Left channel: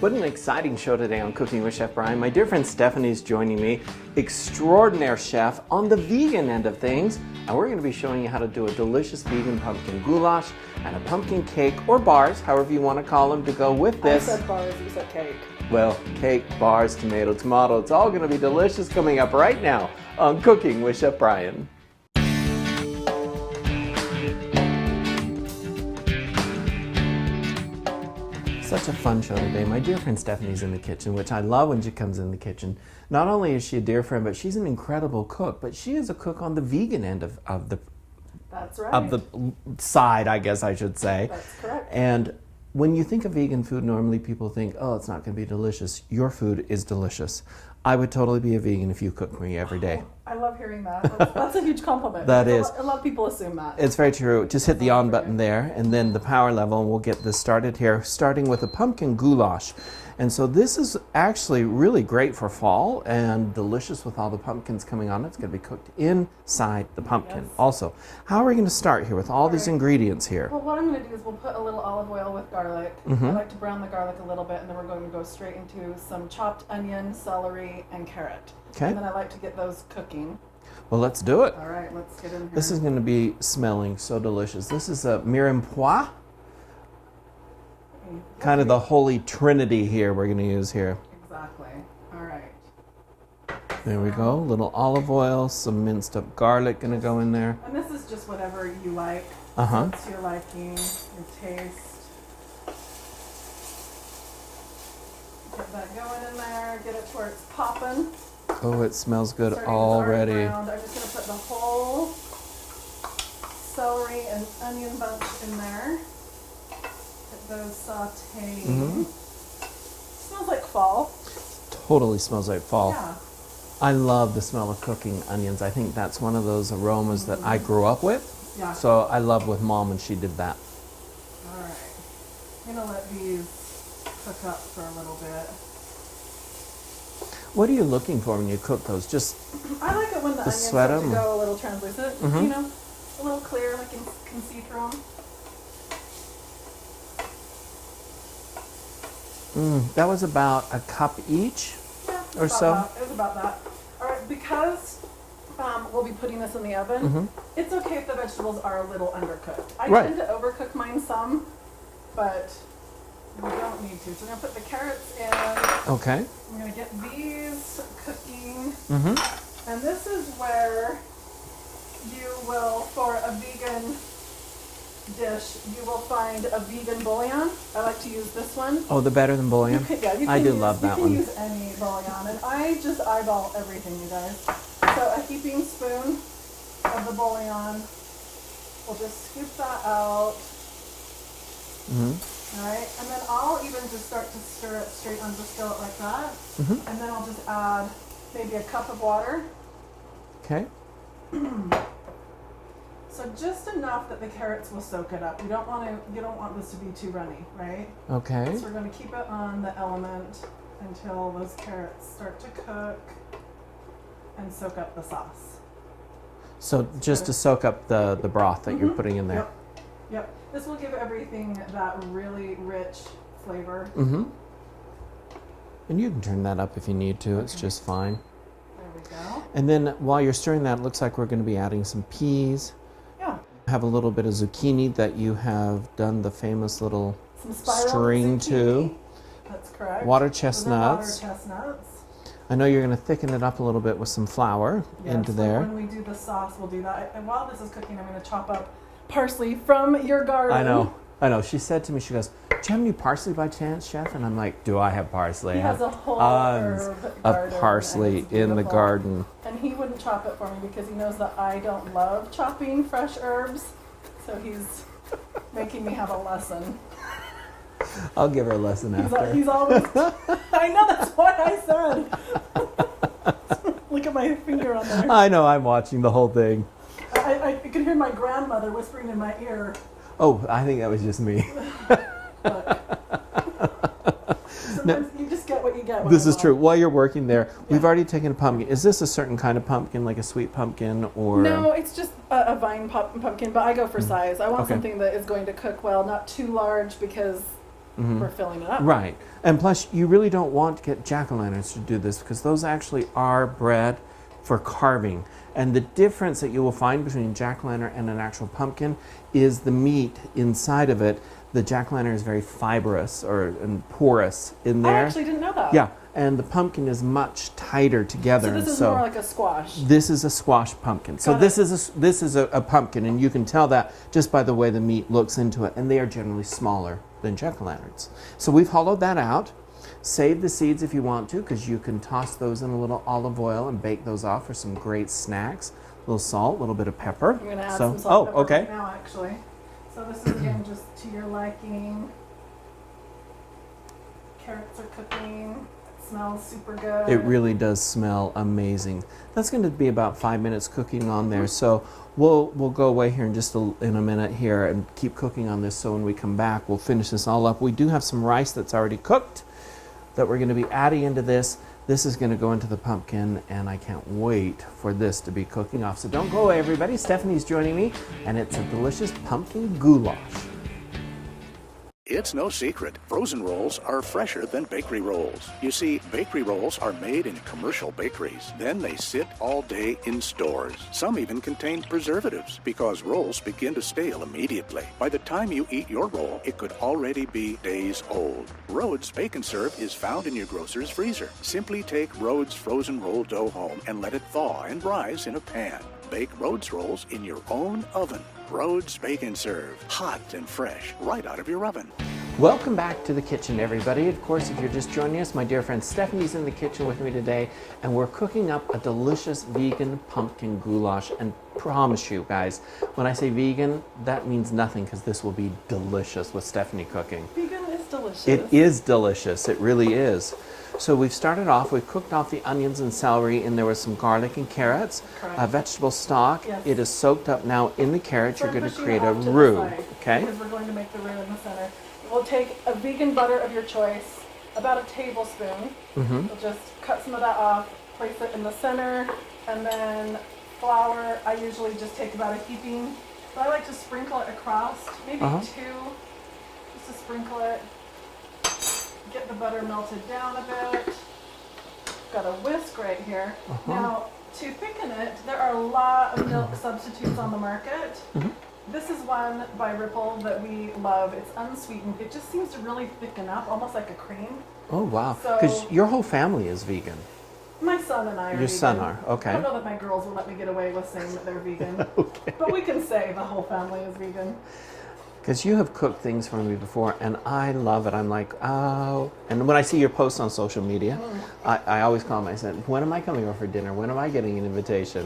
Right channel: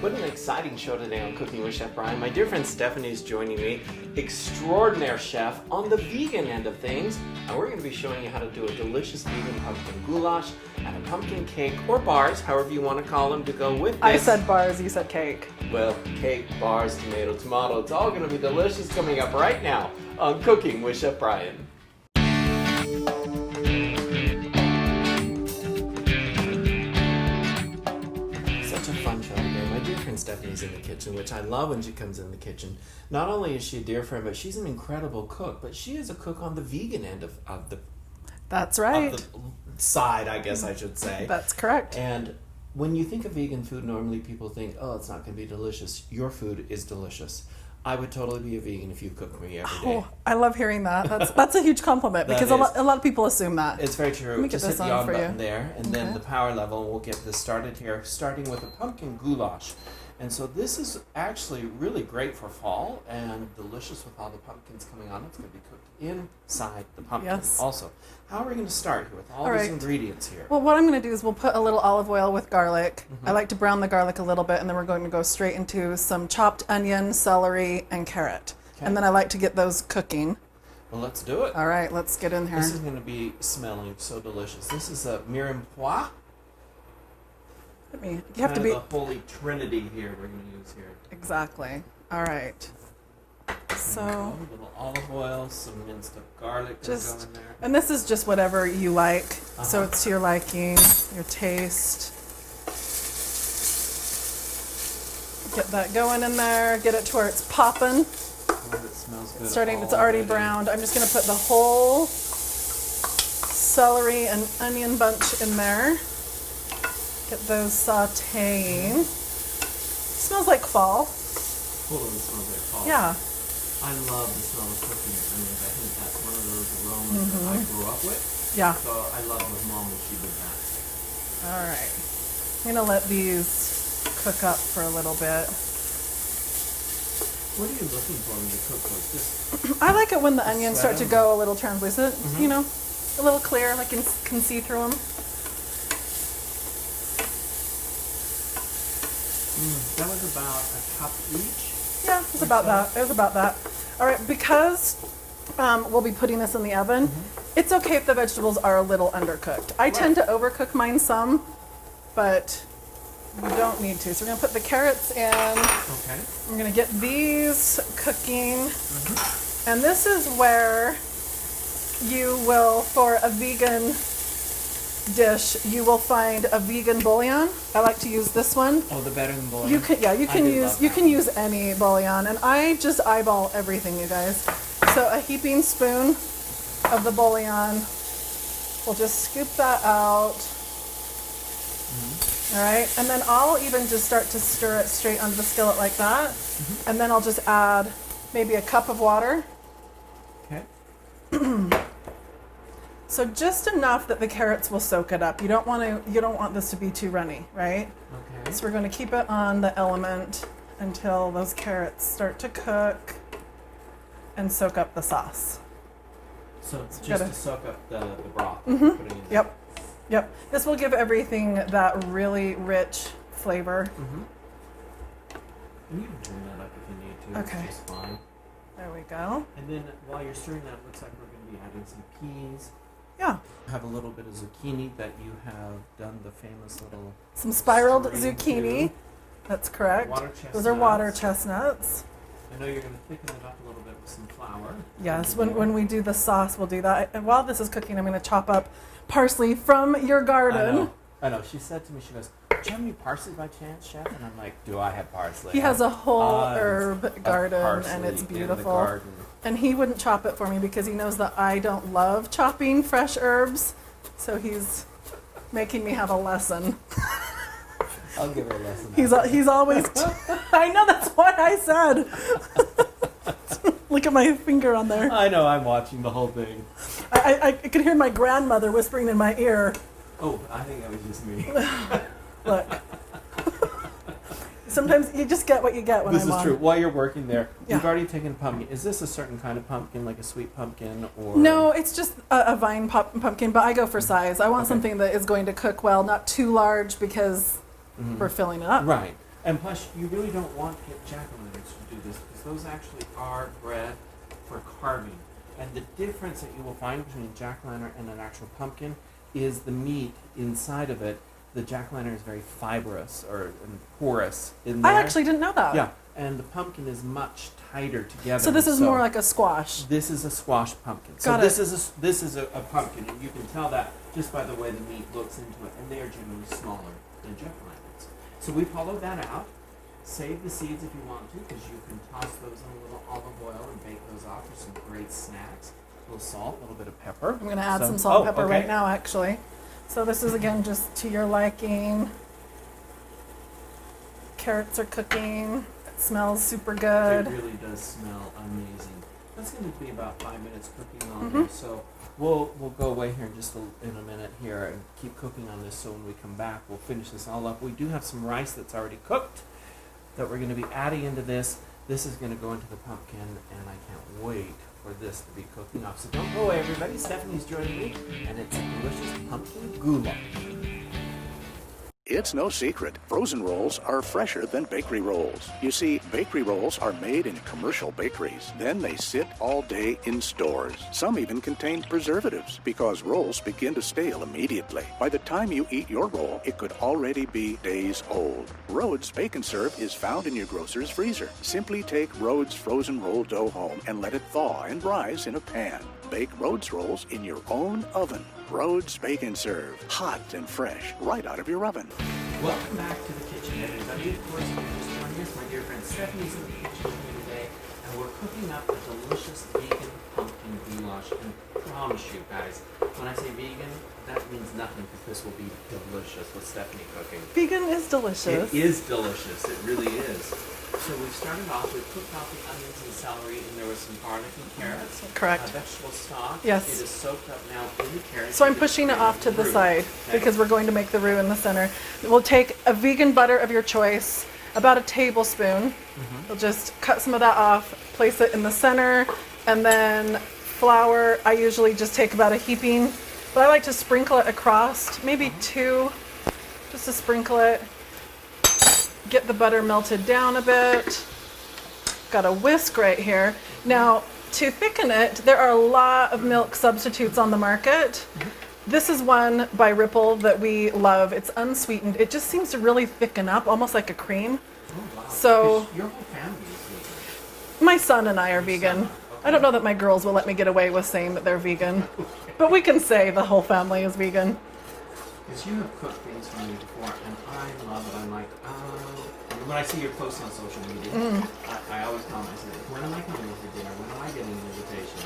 What an exciting show today on Cooking with Chef Bryan. My dear friend Stephanie's joining me, extraordinaire chef on the vegan end of things. And we're going to be showing you how to do a delicious vegan pumpkin goulash and a pumpkin cake, or bars, however you want to call them, to go with this. I said bars, you said cake. Well, cake, bars, tomato, tomato, it's all going to be delicious coming up right now on Cooking with Chef Bryan. Such a fun show today. My dear friend Stephanie's in the kitchen, which I love when she comes in the kitchen. Not only is she a dear friend, but she's an incredible cook. But she is a cook on the vegan end of the That's right. of the side, I guess I should say. That's correct. And when you think of vegan food, normally people think, oh, it's not going to be delicious. Your food is delicious. I would totally be a vegan if you cooked me every day. Oh, I love hearing that. That's a huge compliment because a lot of people assume that. It's very true. Just hit the on button there and then the power level, and we'll get this started here, starting with a pumpkin goulash. And so this is actually really great for fall and delicious with all the pumpkins coming on. It's going to be cooked inside the pumpkin. Yes. Also, how are we going to start here with all these ingredients here? Well, what I'm going to do is we'll put a little olive oil with garlic. I like to brown the garlic a little bit, and then we're going to go straight into some chopped onion, celery, and carrot. Okay. And then I like to get those cooking. Well, let's do it. All right, let's get in here. This is going to be smelling so delicious. This is a mirepoix. Kind of the holy trinity here we're going to use here. Exactly. All right. There we go. A little olive oil, some minced up garlic going to go in there. And this is just whatever you like. So it's to your liking, your taste. Get that going in there. Get it to where it's popping. Oh, it smells good It's already. already browned. I'm just going to put the whole celery and onion bunch in there. Get those sauteing. Smells like fall. Totally smells like fall. Yeah. I love the smell of cooking onions. I think that's one of those aromas that I grew up with. Yeah. So I love with Mom when she did that. All right. I'm going to let these cook up for a little bit. What are you looking for when you cook those? Just I like it when the onions start to them? go a little translucent, you know, a little clear, like you can see through them. That was about a cup each. Yeah, it was about that. It was about that. All right, because we'll be putting this in the oven, it's okay if the vegetables are a little undercooked. I tend to overcook mine some, but you don't need to. So we're going to put the carrots in. Okay. We're going to get these cooking. And this is where you will, for a vegan dish, you will find a vegan bouillon. I like to use this one. Oh, the better than bouillon? You can use any bouillon, and I just eyeball everything, you guys. So a heaping spoon of the bouillon. We'll just scoop that out. All right, and then I'll even just start to stir it straight onto the skillet like that. And then I'll just add maybe a cup of water. Okay. So just enough that the carrots will soak it up. You don't want this to be too runny, right? Okay. So we're going to keep it on the element until those carrots start to cook and soak up the sauce. So just to soak up the broth that you're putting in there. Yep. This will give everything that really rich flavor. And you can turn that up if you need to. It's just fine. There we go. And then while you're stirring that, it looks like we're going to be adding some peas. Yeah. Have a little bit of zucchini that you have done the famous little Some spiraled string zucchini. to. That's correct. Water chestnuts. Those are water chestnuts. I know you're going to thicken it up a little bit with some flour into there. When we do the sauce, we'll do that. And while this is cooking, I'm going to chop up parsley from your garden. I know. She said to me, she goes, "Do you have any parsley by chance, Chef?" And I'm like, "Do I have parsley?" He has a whole herb garden. Of parsley in the garden. And he wouldn't chop it for me because he knows that I don't love chopping fresh herbs. So he's making me have a lesson. I'll give her a lesson. He's always. I know, that's what I said. Look at my finger on there. I know. I'm watching the whole thing. I could hear my grandmother whispering in my ear. Oh, I think that was just me. Look. Sometimes you just get what you get when This I'm is on. true. While you're working there, we've already taken pumpkin. Is this a certain kind of pumpkin, like a sweet pumpkin, or? No, it's just a vine pumpkin, but I go for size. I want something that is going to cook well, not too large because we're filling it up. Right. And plus, you really don't want to get jack-o'-lanterns to do this because those actually are bred for carving. And the difference that you will find between jack-o'-lantern and an actual pumpkin is the meat inside of it. The jack-o'-lantern is very fibrous and porous in there. I actually didn't know that. Yeah, and the pumpkin is much tighter together. So this is more like a squash. This is a squash pumpkin. So this is a pumpkin, and you can tell that just by the way the meat looks into it. And they are generally smaller than jack-o'-lanterns. So we've hollowed that out. Save the seeds if you want to, because you can toss those in a little olive oil and bake those off for some great snacks. A little salt, a little bit of pepper. I'm going to add some salt and pepper right now, actually. So this is, again, just to your liking. Carrots are cooking. It smells super good. It really does smell amazing. That's going to be about 5 minutes cooking on there. So we'll go away here in a minute here and keep cooking on this. So when we come back, we'll finish this all up. We do have some rice that's already cooked that we're going to be adding into this. This is going to go into the pumpkin, and I can't wait for this to be cooking off. So don't go away, everybody. Stephanie's joining me, and it's a delicious pumpkin goulash. It's no secret, frozen rolls are fresher than bakery rolls. You see, bakery rolls are made in commercial bakeries. Then they sit all day in stores. Some even contain preservatives because rolls begin to stale immediately. By the time you eat your roll, it could already be days old. Rhodes Bake and Serve is found in your grocer's freezer. Simply take Rhodes frozen roll dough home and let it thaw and rise in a pan. Bake Rhodes rolls in your own oven. Rhodes Bake and Serve, hot and fresh, right out of your oven. Welcome back to the kitchen, everybody. Of course, if you're just joining us, my dear friend Stephanie's in the kitchen with me today, and we're cooking up a delicious vegan pumpkin goulash. And promise you guys, when I say vegan, that means nothing because this will be delicious with Stephanie cooking. Vegan is delicious. It is delicious. It really is. So we've started off, we've cooked off the onions and celery, and there was some garlic and carrots. Correct. Vegetable stock. Yes. It is soaked up now in the carrots. So I'm pushing it off to the side okay? because we're going to make the roux in the center. We'll take a vegan butter of your choice, about a tablespoon. We'll just cut some of that off, place it in the center, and then flour. I usually just take about a heaping, but I like to sprinkle it across, maybe two, just to sprinkle it. Get the butter melted down a bit. Got a whisk right here. Now, to thicken it, there are a lot of milk substitutes on the market. This is one by Ripple that we love. It's unsweetened. It just seems to really thicken up, almost like a cream. Oh, wow. So 'cause your whole family is vegan. My son and I are Your vegan. son are, okay. I don't know that my girls will let me get away with saying that they're vegan, but we can say the whole family is vegan. Because you have cooked things for me before, and I love it. I'm like, oh. And when I see your posts on social media, I always call myself, when am I coming over for dinner? When am I getting an invitation?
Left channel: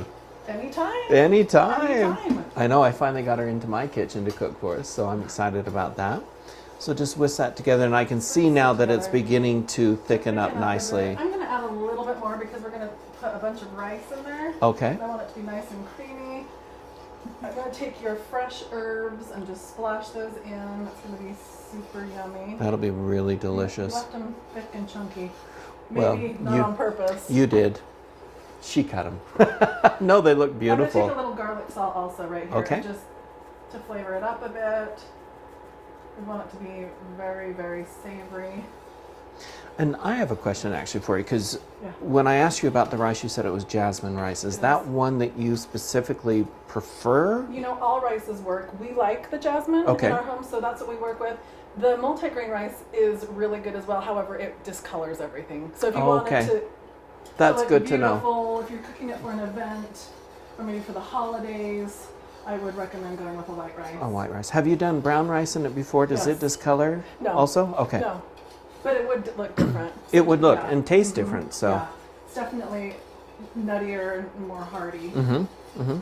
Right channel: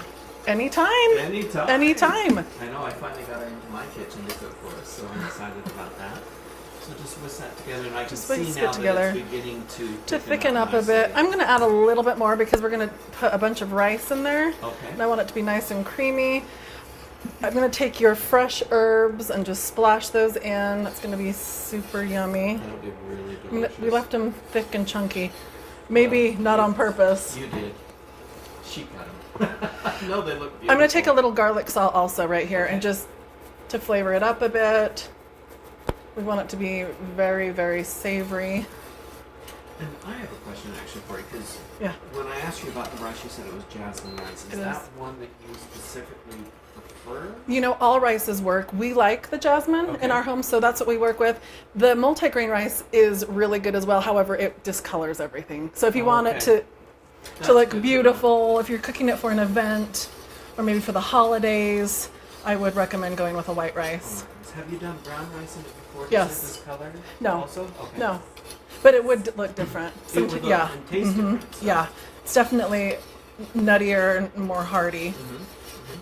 Anytime. Anytime. Anytime. I know, I finally got her into my kitchen to cook for us, so I'm excited about that. So just whisk that together, and I can see now that it's beginning to thicken up nicely. a bit. I'm going to add a little bit more because we're going to put a bunch of rice in there. Okay. And I want it to be nice and creamy. I'm going to take your fresh herbs and just splash those in. That's going to be super yummy. That'll be really delicious. We left them thick and chunky. Maybe well, not on purpose. You did. She cut them. No, they look beautiful. I'm going to take a little garlic salt also right here Okay. and just to flavor it up a bit. We want it to be very, very savory. And I have a question actually for you, because Yeah. when I asked you about the rice, you said it was jasmine rice. Is that one that you specifically prefer? You know, all rices work. We like the jasmine Okay. in our home, so that's what we work with. The multigrain rice is really good as well. However, it discolors everything. So if you want it Okay. to That's look good to know. beautiful, if you're cooking it for an event or maybe for the holidays, I would recommend going with a white rice. Oh, white rice. Have you done brown rice in it before? Does Yes. it discolor? No. Also? Okay. No, but it would look different. It would look Yeah. and taste different. So. Yeah, it's definitely nuttier and more hearty.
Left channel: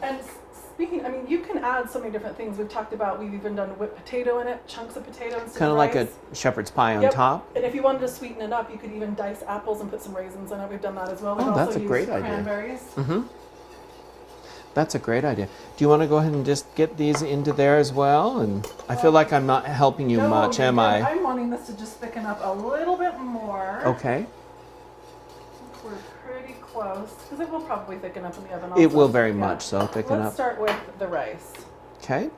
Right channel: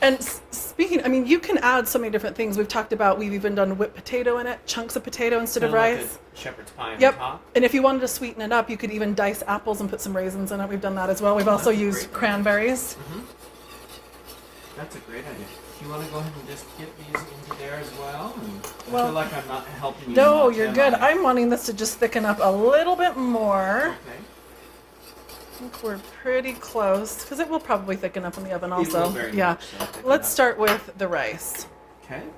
And speaking, I mean, you can add so many different things. We've talked about, we've even done whipped potato in it, chunks of potato instead Kind of of rice. like a shepherd's pie on Yep. top. And if you wanted to sweeten it up, you could even dice apples and put some raisins in it. We've done that as well. We've Oh, also that's a used great idea. cranberries. That's a great idea. Do you want to go ahead and just get these into there as well? And I feel like I'm not helping you No, much, you're am good. I? I'm wanting this to just thicken up a little bit more. Okay. I think we're pretty close because it will probably thicken up in the oven also. It will very Yeah. much so. Thicken Let's up. start with the rice. Okay.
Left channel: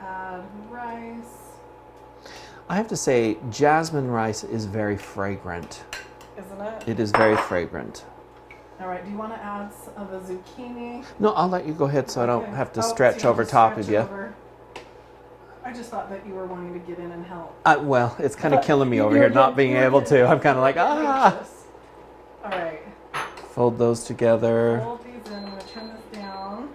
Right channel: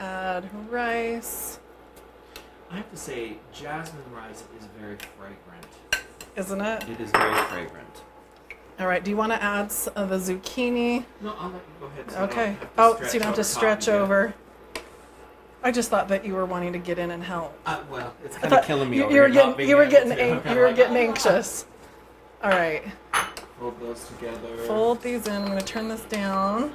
Add rice. I have to say, jasmine rice is very fragrant. Isn't it? It is very fragrant. All right, do you want to add the zucchini? No, I'll let you go ahead so I Okay. don't have to So you stretch don't have over to top of stretch you. over. I just thought that you were wanting to get in and help. Well, it's kind of killing me You- over you were here not getting- being you were able getting to. ang- I'm kind you of were like, getting anxious. All right, Fold those together. fold these in. I'm going to turn this down.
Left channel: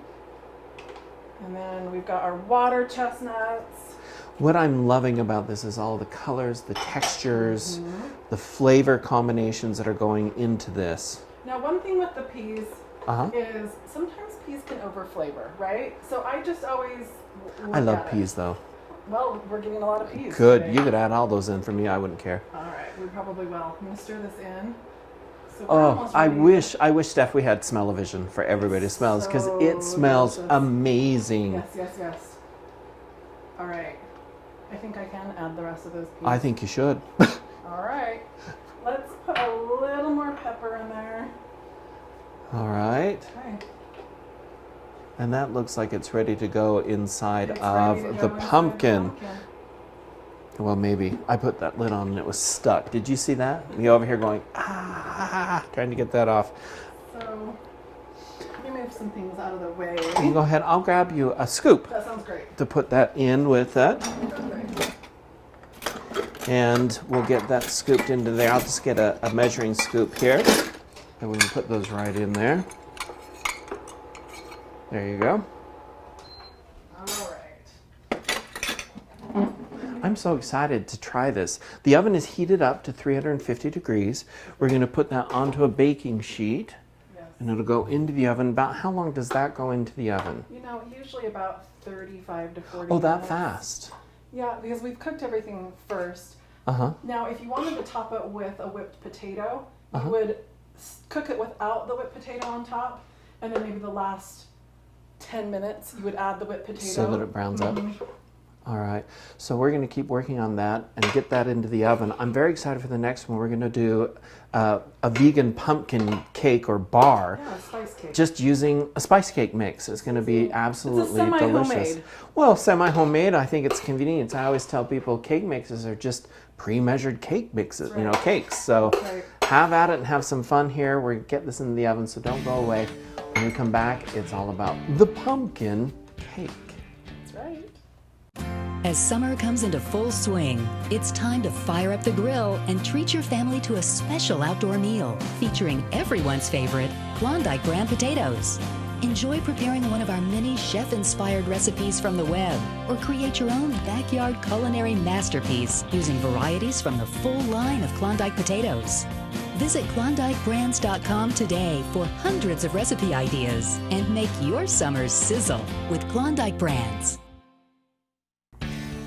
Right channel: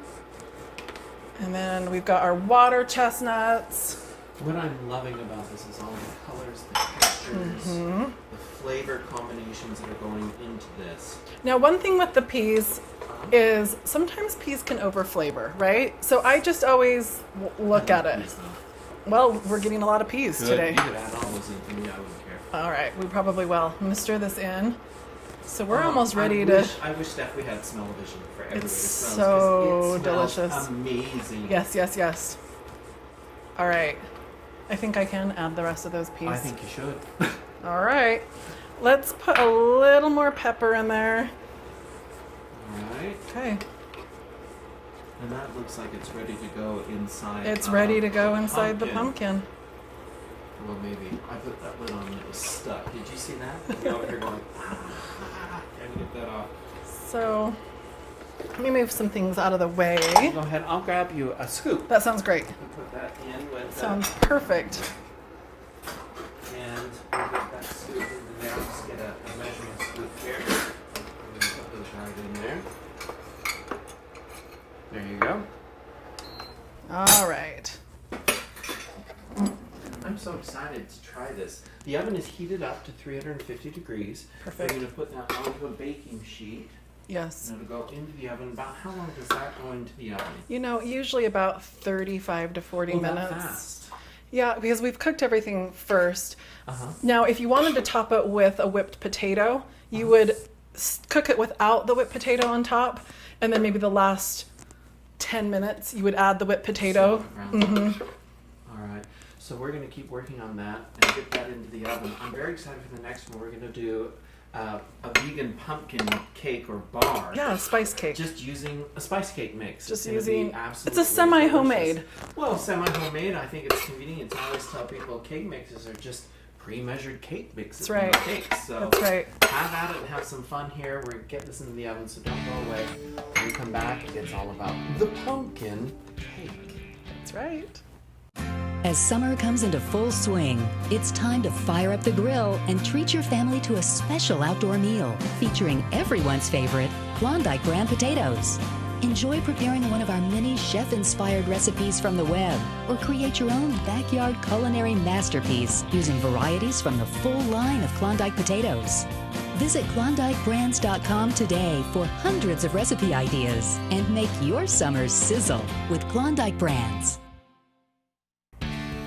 And then we've got our water chestnuts. What I'm loving about this is all the colors, the textures, Mm-hmm. the flavor combinations that are going into this. Now, one thing with the peas Uh-huh. is sometimes peas can overflavor, right? So I just always I look love at it. peas though. Well, we're getting a lot of peas Good. today. You could add all those in for me. I wouldn't care. All right, we probably will. I'm going to stir this in. So we're almost ready I wish, Steph, we had smell-o-vision for everybody to It's smell because it so smells delicious. amazing. Yes, yes, yes. All right. I think I can add the rest of those peas. I think you should. All right. Let's put a little more pepper in there. All right. Okay. And that looks like it's ready to go inside It's of ready to go the inside pumpkin. the pumpkin. Well, maybe. I put that lid on and it was stuck. Did you see that? You over here going, trying to get that off. So let me move some things out of the way. You go ahead. I'll grab you a scoop That sounds great. to put that in with that. Sounds perfect. And we'll get that scooped into there. I'll just get a measuring scoop here. And we can put those right in there. There you go. All right. I'm so excited to try this. The oven is heated up to 350 degrees. We're going to put that onto a baking sheet. Yes. And it'll go into the oven. About how long does that go into the oven? You know, usually about 35 to 40 Oh, minutes. that fast. Yeah, because we've cooked everything first. Uh-huh. Now, if you wanted to top it with a whipped potato, you would cook it without the whipped potato on top, and then maybe the last 10 minutes you would add the whipped potato. So that it browns up. All right. So we're going to keep working on that and get that into the oven. I'm very excited for the next one. We're going to do a vegan pumpkin cake or bar. Yeah, spice cake. Just using a spice cake mix. It's going to be using- absolutely It's a semi-homemade. delicious. Well, semi-homemade, I think it's convenient. I always tell people cake mixes are just pre-measured cake mixes, That's right. cakes. So That's right. have at it and have some fun here. We're getting this in the oven, so don't go away. When we come back, it's all about the pumpkin cake. That's right. As summer comes into full swing, it's time to fire up the grill and treat your family to a special outdoor meal featuring everyone's favorite Klondike brand potatoes. Enjoy preparing one of our many chef-inspired recipes from the web, or create your own backyard culinary masterpiece using varieties from the full line of Klondike potatoes. Visit KlondikeBrands.com today for hundreds of recipe ideas and make your summers sizzle with Klondike Brands.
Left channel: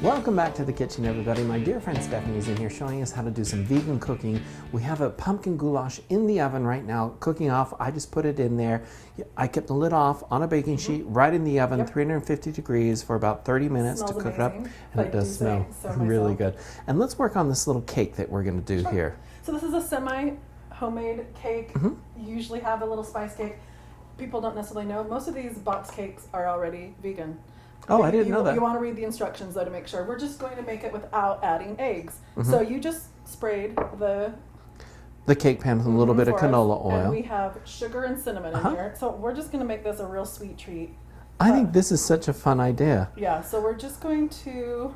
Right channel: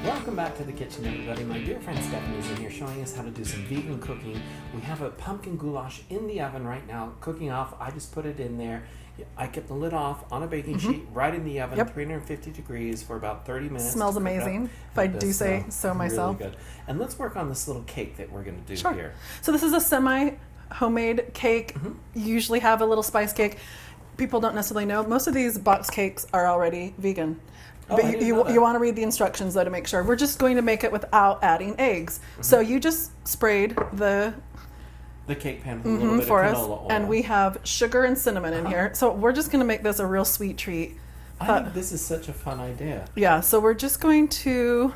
Welcome back to the kitchen, everybody. My dear friend Stephanie's in here showing us how to do some vegan cooking. We have a pumpkin goulash in the oven right now, cooking off. I just put it in there. I kept the lid off on a baking sheet, right in the oven, Yep. 350 degrees for about 30 minutes. Smells to cook it amazing, up. if I And it do does say smell so myself. Really good. And let's work on this little cake that we're going to do Sure. here. So this is a semi-homemade cake. You usually have a little spice cake. People don't necessarily know. Most of these box cakes are already vegan. Oh, But I didn't know that. You want to read the instructions though to make sure. We're just going to make it without adding eggs. So you just sprayed the cake pan with a little bit of for us, canola oil. and we have sugar and cinnamon in here. So we're just going to make this a real sweet treat. I think this is such a fun idea. Yeah, so we're just going to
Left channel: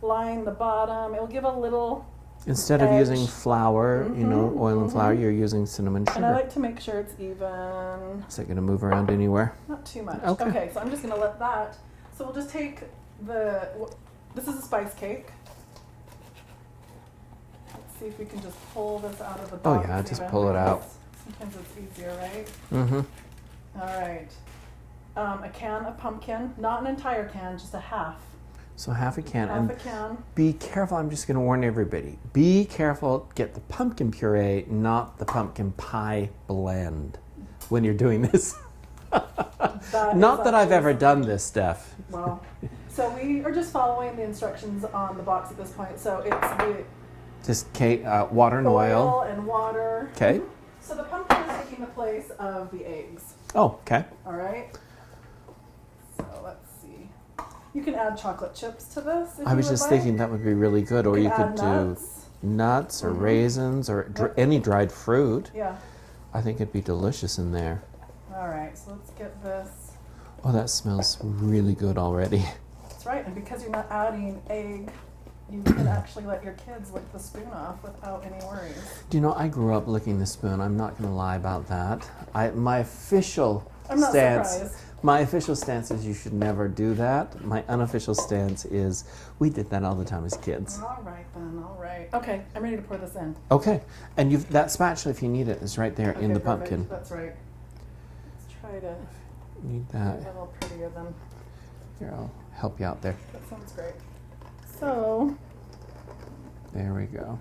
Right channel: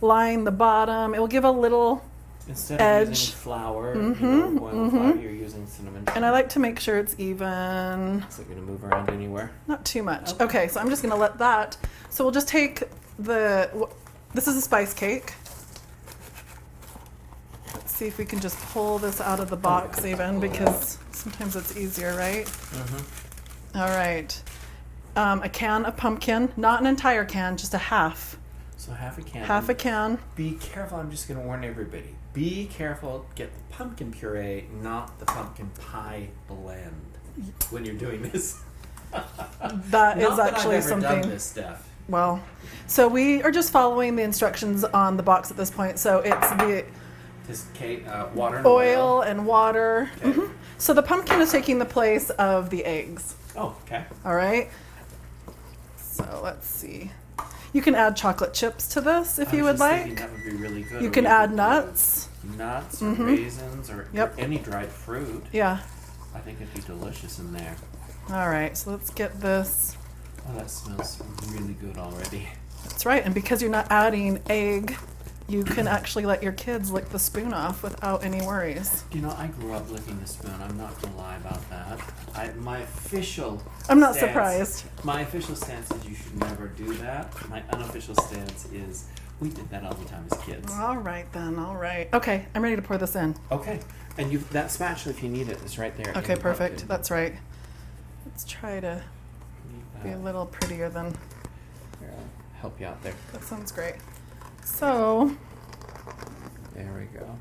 line the bottom. It will give a little, Instead of edge. using flour, oil and flour, you're using cinnamon sugar. and I like to make sure it's even, Is that going to move around anywhere? not too much. Okay. Okay, so I'm just going to let that. So we'll just take this is a spice cake. Let's see if we can just pull this out of the box just even, pull it because sometimes it's easier, right? Mm-hmm. All right. A can of pumpkin, not an entire can, just a half. So half a can. Half And a can. Be careful, I'm just going to warn everybody. Be careful, get the pumpkin puree, not the pumpkin pie blend when you're doing this. That Not is that I've actually ever done something- this stuff. Well, so we are just following the instructions on the box at this point. So it's the Just cake, water and oil oil. and water. Okay. So the pumpkin is taking the place of the eggs. Oh, okay. All right. So let's see. You can add chocolate chips to this if I you was would just like. thinking that would be really good. You Or can add could nuts. do nuts or raisins or any dried fruit. Yeah. I think it'd be delicious in there. All right, so let's get this. Oh, that smells really good already. That's right, and because you're not adding egg, you can actually let your kids lick the spoon off without any worries. Do you know, I grew up licking the spoon. I'm not going to lie about that. My official I'm not stance, surprised. My official stance is you should never do that. My unofficial stance is we did that all the time as kids. All right then, all right. Okay, I'm ready to pour this in. Okay, and that spatula, if you need it, is right there in Okay, the perfect. pumpkin. That's right. Let's try to Need be that. a little prettier than. Here, I'll help you out there. That sounds great. So, There we go.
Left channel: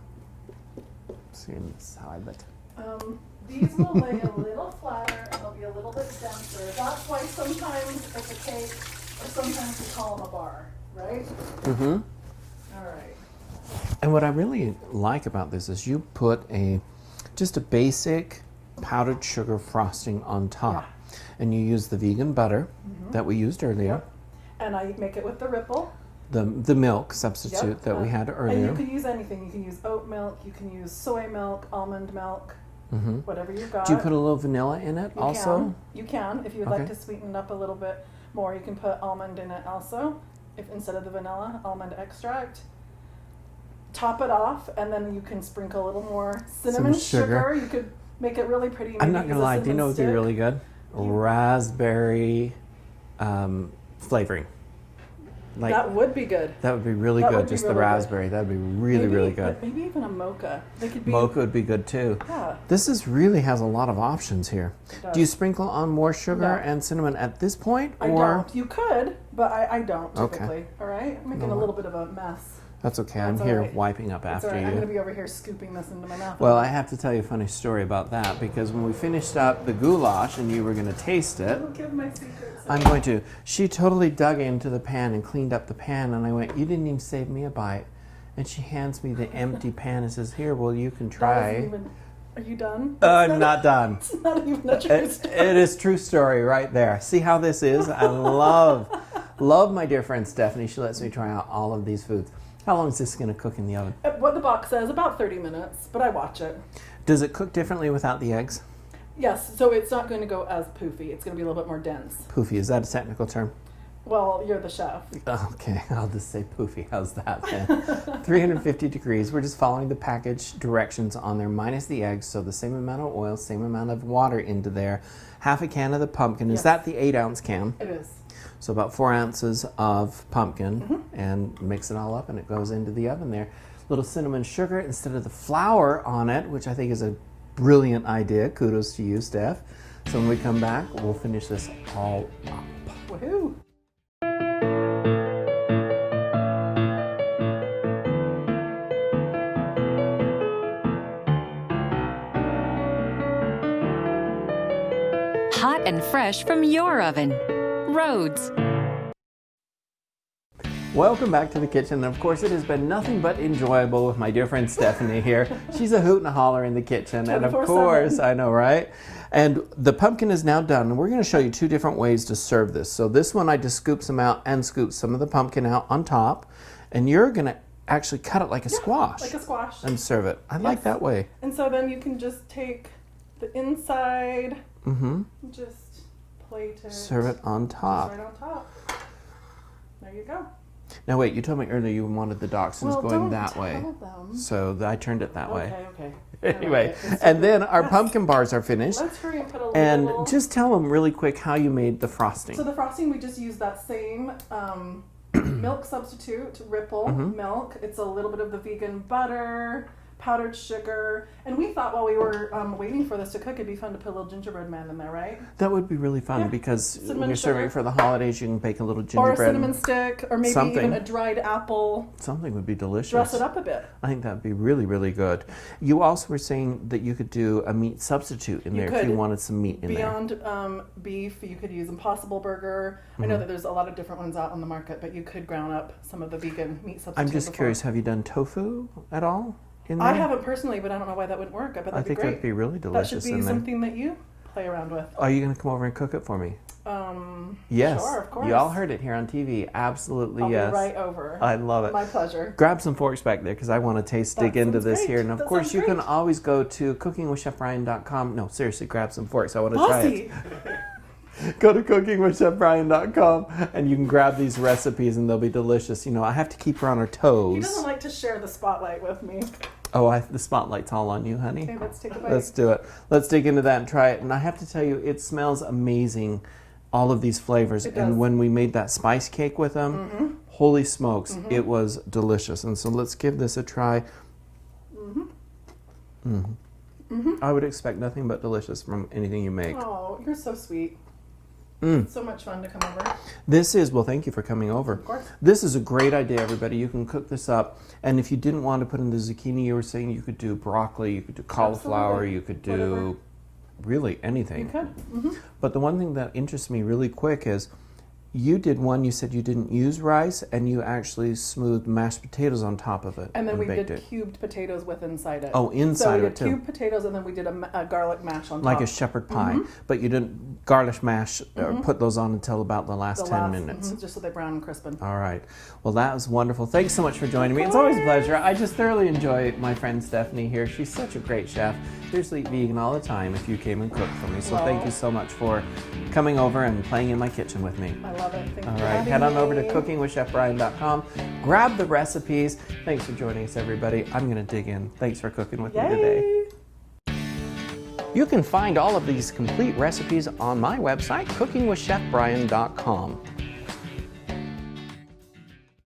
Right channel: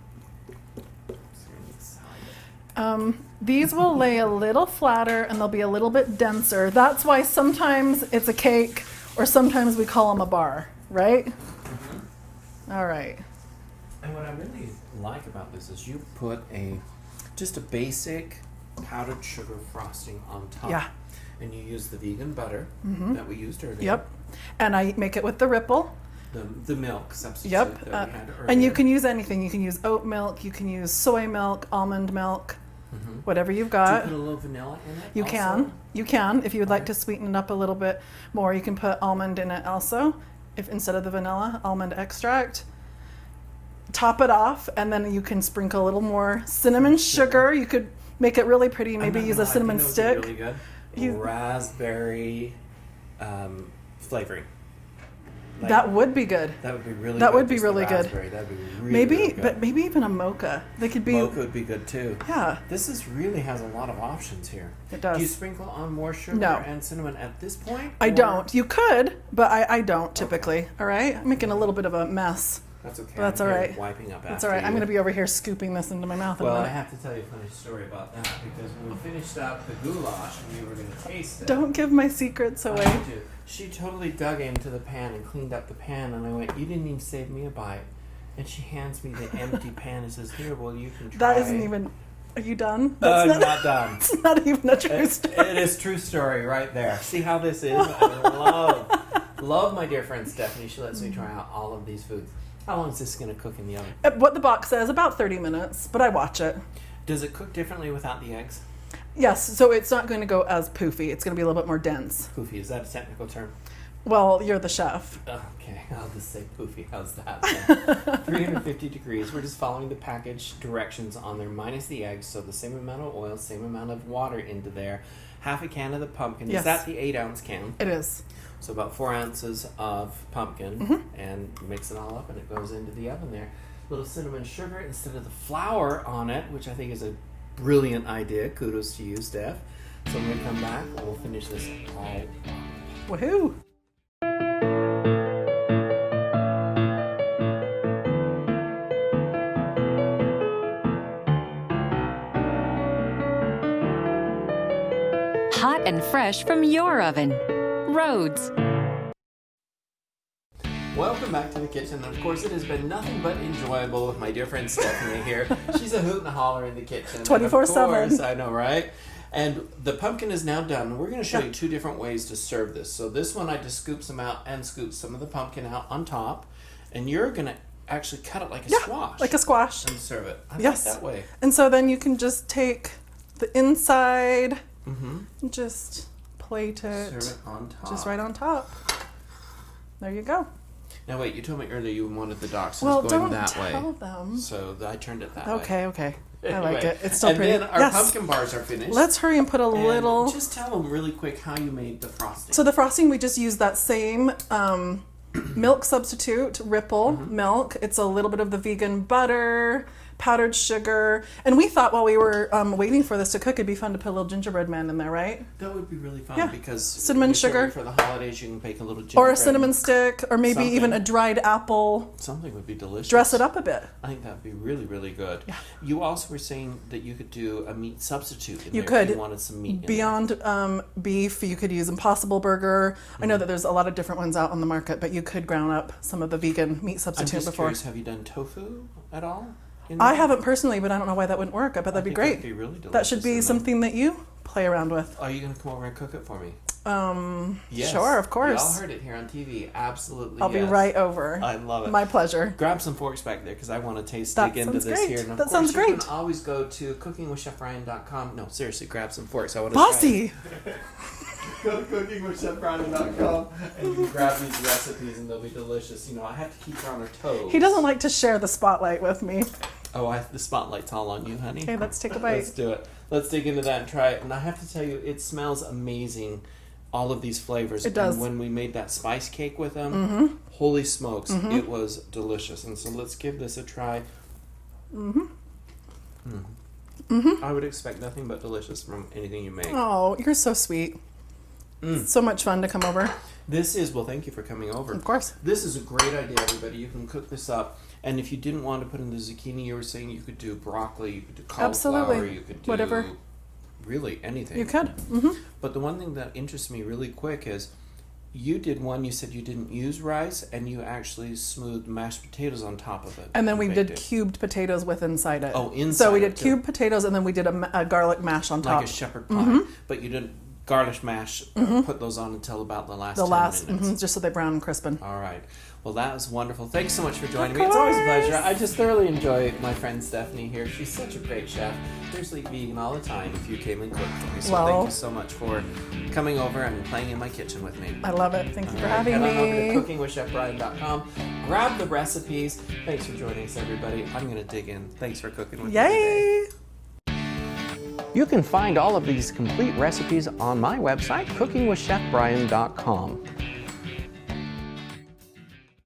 So you need to slide it. these will lay a little flatter and they'll be a little bit denser. That's why sometimes it's a cake or sometimes we call them a bar, right? Mm-hmm. All right. And what I really like about this is you put just a basic powdered sugar frosting on top. Yeah. And you use the vegan butter that we used earlier. Yep. And I make it with the ripple. The milk substitute that we had earlier. And you can use anything. You can use oat milk, you can use soy milk, almond milk, whatever you've got. Do you put a little vanilla in it You also? can. You can. If you would like Okay. to sweeten it up a little bit more, you can put almond in it also. If instead of the vanilla, almond extract. Top it off, and then you can sprinkle a little more cinnamon sugar. You could make it really pretty. I'm Maybe not use gonna a lie, do you cinnamon know what'd stick. be really good? You- Raspberry flavoring. Like, That would be good. that would be really that good. would be Just really the good. raspberry. That would be really, Maybe, really good. but maybe even a mocha. They could be. Mocha would be good too. Yeah. This really has a lot of options here. It does. Do you sprinkle on more sugar No. and cinnamon at this point? I or- don't. You could, but I don't typically. All right. I'm making a little bit of a mess. That's okay. That's I'm all here right. wiping up That's after all right. you. I'm going to be over here scooping this into my mouth. in a Well, I minute. have to tell you a funny story about that because when we finished up the goulash and you were going to taste it, Don't give my secrets away. I'm going to. She totally dug into the pan and cleaned up the pan, and I went, "You didn't even save me a bite." And she hands me the empty pan and says, "Here, well, you can try." That isn't even. Are you done? I'm not done. It's not even a true story. It is true story right there. See how this is? I love my dear friend Stephanie. She lets me try out all of these foods. How long is this going to cook in the oven? What the box says, about 30 minutes, but I watch it. Does it cook differently without the eggs? Yes, so it's not going to go as poofy. It's going to be a little bit more dense. Poofy, is that a technical term? Well, you're the chef. Okay, I'll just say poofy. How's that then? 350 degrees. We're just following the package directions on there, minus the eggs. So the same amount of oil, same amount of water into there. Half a can of the pumpkin. Yes. Is that the 8-ounce can? It is. So about 4 ounces of pumpkin, and mix it all up, and it goes into the oven there. Little cinnamon sugar instead of the flour on it, which I think is a brilliant idea. Kudos to you, Steph. So when we come back, we'll finish this all up. Woohoo! Hot and fresh from your oven. Rhodes. Welcome back to the kitchen. And of course, it has been nothing but enjoyable with my dear friend Stephanie here. She's a hoot and a holler in the kitchen. And of 24/7. course, I know, right? And the pumpkin is now done. And we're going to show you 2 different ways to serve this. So this one, I just scoop some out and scoop some of the pumpkin out on top. And you're going to actually cut it like a squash. Like a squash. And serve it. I like Yes. that way. And so then you can just take the inside and just plate it. Serve it on top. Just right on top. There you go. Now wait, you told me earlier you wanted the dachshunds Well, going don't that tell way. them. So I turned it that way. Okay. I Anyway, like it. It's still and pretty. then our Yes. pumpkin bars are finished. Let's hurry and put a and little. just tell them really quick how you made the frosting. So the frosting, we just use that same milk substitute, ripple milk. It's a little bit of the vegan butter, powdered sugar. And we thought while we were waiting for this to cook, it'd be fun to put a little gingerbread man in there, right? That would be really fun Yeah. because Cinnamon you're serving sugar. for the holidays. You can bake a little gingerbread. Or a cinnamon stick, or maybe Something. even a dried apple. Something would be delicious. Dress it up a bit. I think that would be really, really good. You also were saying that you could do a meat substitute in You there could. if you wanted some meat in there. Beyond beef, you could use Impossible Burger. I know that there's a lot of different ones out on the market, but you could ground up some of the vegan meat I'm substitute just before. curious, have you done tofu at all? In I there? haven't personally, but I don't know why that wouldn't work. I bet that'd be think great. that'd be really That should delicious be in there. something that you play around with. Are you going to come over and cook it for me? Yes. Sure, of course. Y'all heard it here on TV. Absolutely, I'll yes. be right over. I love it. My pleasure. Grab some forks back there because I want to dig into sounds this great. here. And of That course, sounds you can great. always go to cookingwithchefbryan.com. No, seriously, grab some forks. I want to try it. Bossy! Go to cookingwithchefbryan.com and you can grab these recipes and they'll be delicious. You know, I have to keep her on her toes. He doesn't like to share the spotlight with me. Oh, the spotlight's all on you, honey. Okay, let's take a bite. Let's do it. Let's dig into that and try it. And I have to tell you, it smells amazing. All of these flavors. It does. And when we made that spice cake with them, holy smokes, it was delicious. And so let's give this a try. I would expect nothing but delicious from anything you make. Oh, you're so sweet. It's so much fun to come over. This is, well, thank you for coming over. Of course. This is a great idea, everybody. You can cook this up. And if you didn't want to put in the zucchini, you were saying you could do broccoli, you could do cauliflower, Absolutely. you could do Whatever. really anything. You could. But the one thing that interests me really quick is you did one, you said you didn't use rice, and you actually smoothed mashed potatoes on top of it. And then we baked did it. cubed potatoes with inside it. Oh, inside So we it, did too. cubed potatoes and then we did a garlic mash on top. Like a shepherd pie. But you didn't garnish mash, put those on until about the last 10 minutes. Just so they brown and crispin. All right. Well, that was wonderful. Thanks so much for joining me. It's always a pleasure. I just thoroughly enjoy my friend Stephanie here. She's such a great chef. Seriously, eat vegan all the time if you came and cooked for me. So Well, thank you so much for coming over and playing in my kitchen with me. I love it. Thank you All for right, having head me. on over to cookingwithchefbryan.com. Grab the recipes. Thanks for joining us, everybody. I'm going to dig in. Thanks for cooking with me today. Yay! You can find all of these complete recipes on my website, cookingwithchefbryan.com.